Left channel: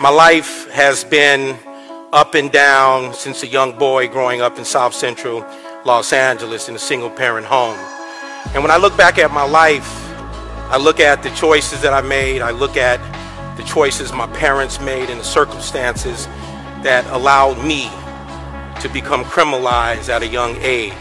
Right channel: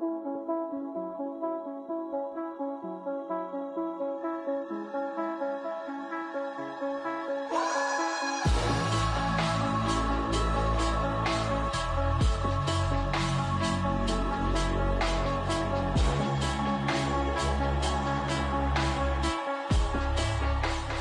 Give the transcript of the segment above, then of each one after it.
My life has been up and down since a young boy growing up in South Central Los Angeles in a single-parent home. And when I look back at my life, I look at the choices that I made, I look at the choices my parents made and the circumstances that allowed me to become criminalized at a young age.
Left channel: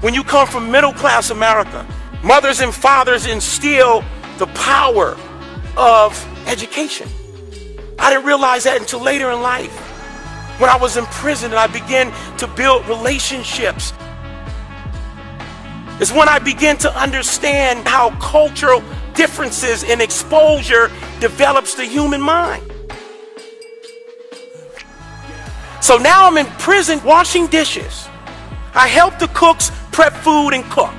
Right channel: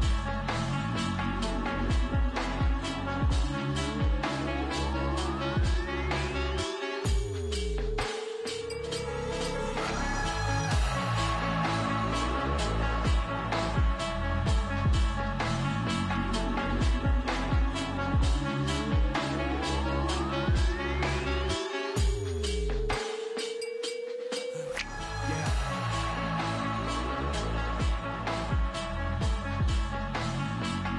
When you come from middle-class America, mothers and fathers instill the power of education. I didn't realize that until later in life. When I was in prison and I began to build relationships, is when I began to understand how cultural differences and exposure develops the human mind. So now I'm in prison washing dishes. I help the cooks prep food and cook.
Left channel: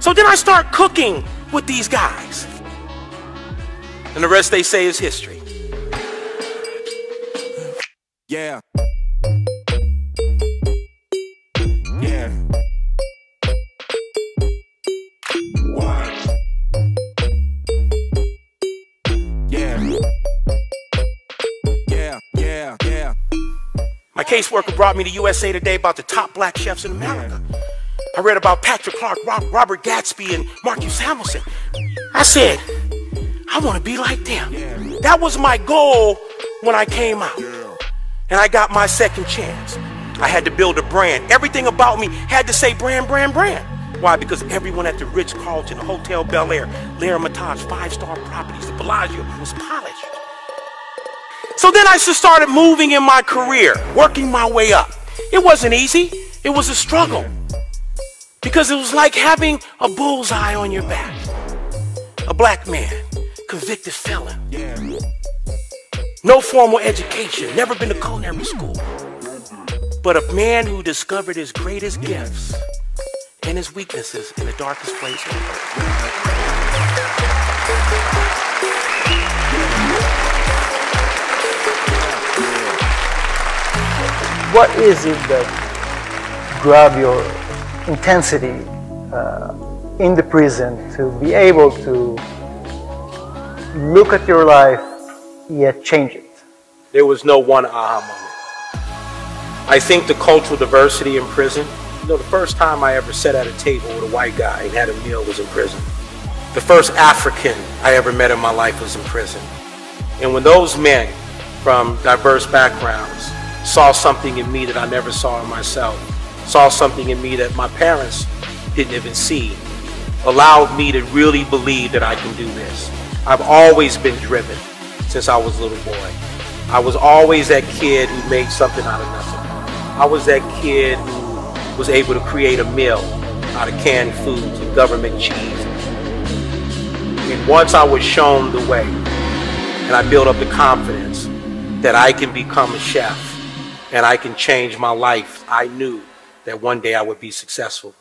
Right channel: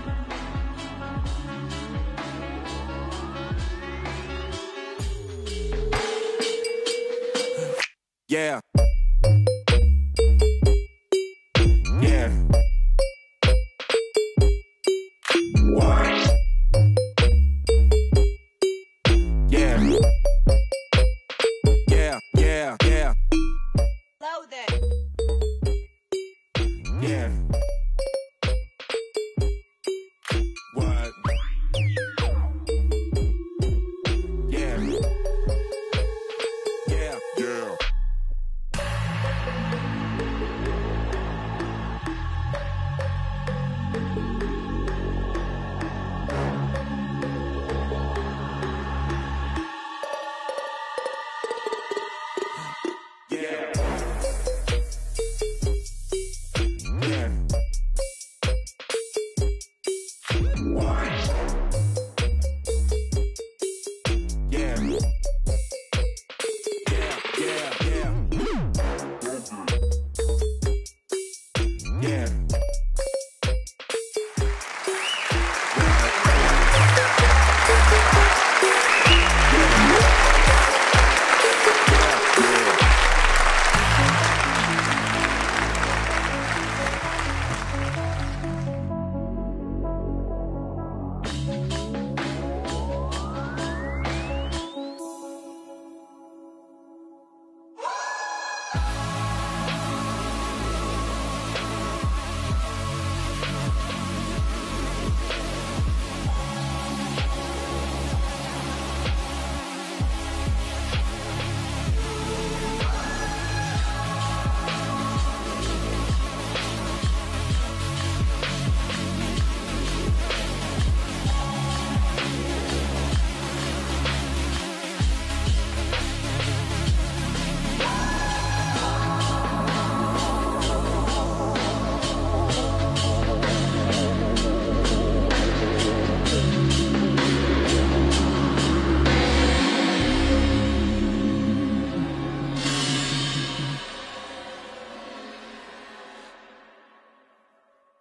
So then I start cooking with these guys. And the rest they say is history. Yeah. Yeah. What? Yeah. Yeah, yeah, yeah. My caseworker brought me to USA Today about the top black chefs in America. I read about Patrick Clark, Robert Gatsby, and Marcus Hamilton. I said, I want to be like them. Yeah. That was my goal when I came out. Yeah. And I got my second chance. I had to build a brand. Everything about me had to say brand, brand, brand. Why? Because everyone at the Ritz-Carlton, the Hotel Bel Air, L'Hermitage, 5-star properties, the Bellagio was polished. So then I just started moving in my career, working my way up. It wasn't easy. It was a struggle. Because it was like having a bullseye on your back. A black man, convicted felon. Yeah. No formal education, never been to culinary school. But a man who discovered his greatest gifts and his weaknesses in the darkest places. What is it that grab your intensity in the prison to be able to look at your life yet change it? There was no one aha moment. I think the cultural diversity in prison, you know, the first time I ever sat at a table with a white guy and had a meal was in prison. The first African I ever met in my life was in prison. And when those men from diverse backgrounds saw something in me that I never saw in myself, saw something in me that my parents didn't even see, allowed me to really believe that I can do this. I've always been driven since I was a little boy. I was always that kid who made something out of nothing. I was that kid who was able to create a meal out of canned foods and government cheese. And once I was shown the way, and I built up the confidence that I can become a chef and I can change my life, I knew that one day I would be successful.